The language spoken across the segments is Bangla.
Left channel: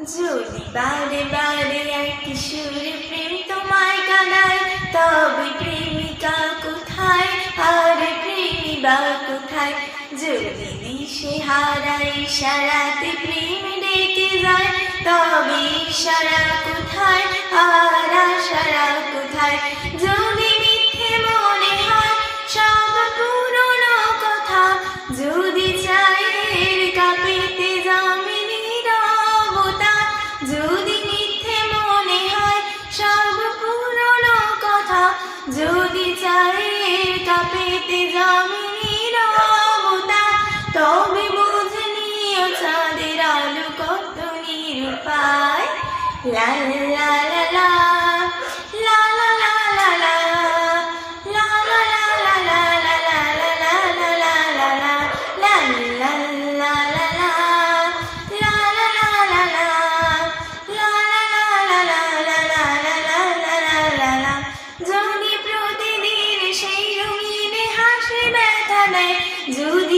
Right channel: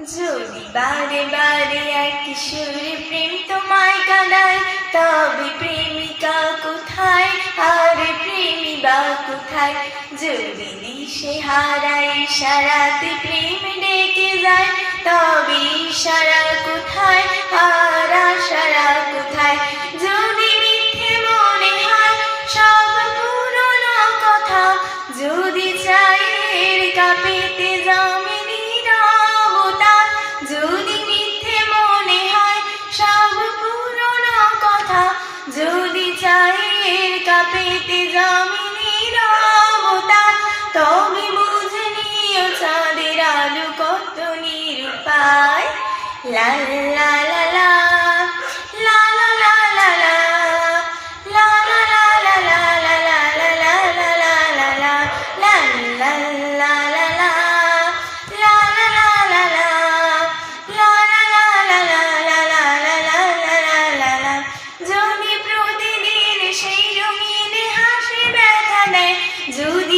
যদি বারে বারে এক কিশোরে প্রেম তোমায় কাঁদায় তবে প্রেমিকা কোথায়? আর প্রেমী বা কোথায়? যদি দিশে হারায়, সারাতে প্রেম ডেকে যায়, তবে ইশারা লাল লাল তবে কত নিরুপায়। লা।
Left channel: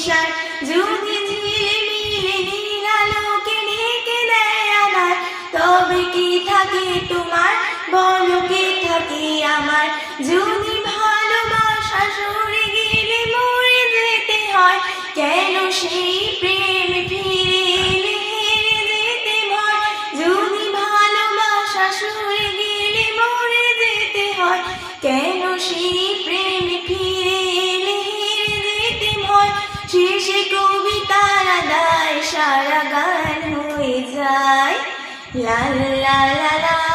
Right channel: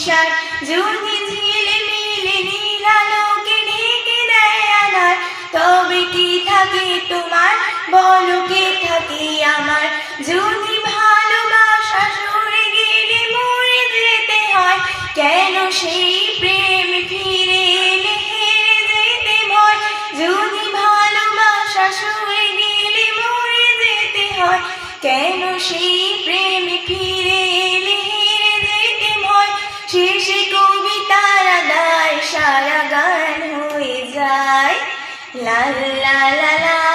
অভিসার যদি ঝিলে মিলে নীলালোকে ঢেকে দেয় আধার। তবে কি থাকে তোমার? বলো কে থাকে আমার? যদি ভালোবাসা সরে গেলে মরে যেতে হয়, কেন সেই প্রেম ফিরে এলে হেরে যেতে ভয় যদি ভালোবাসা সরে গেলে মরে যেতে হয়, কেন সেই প্রেম la la la la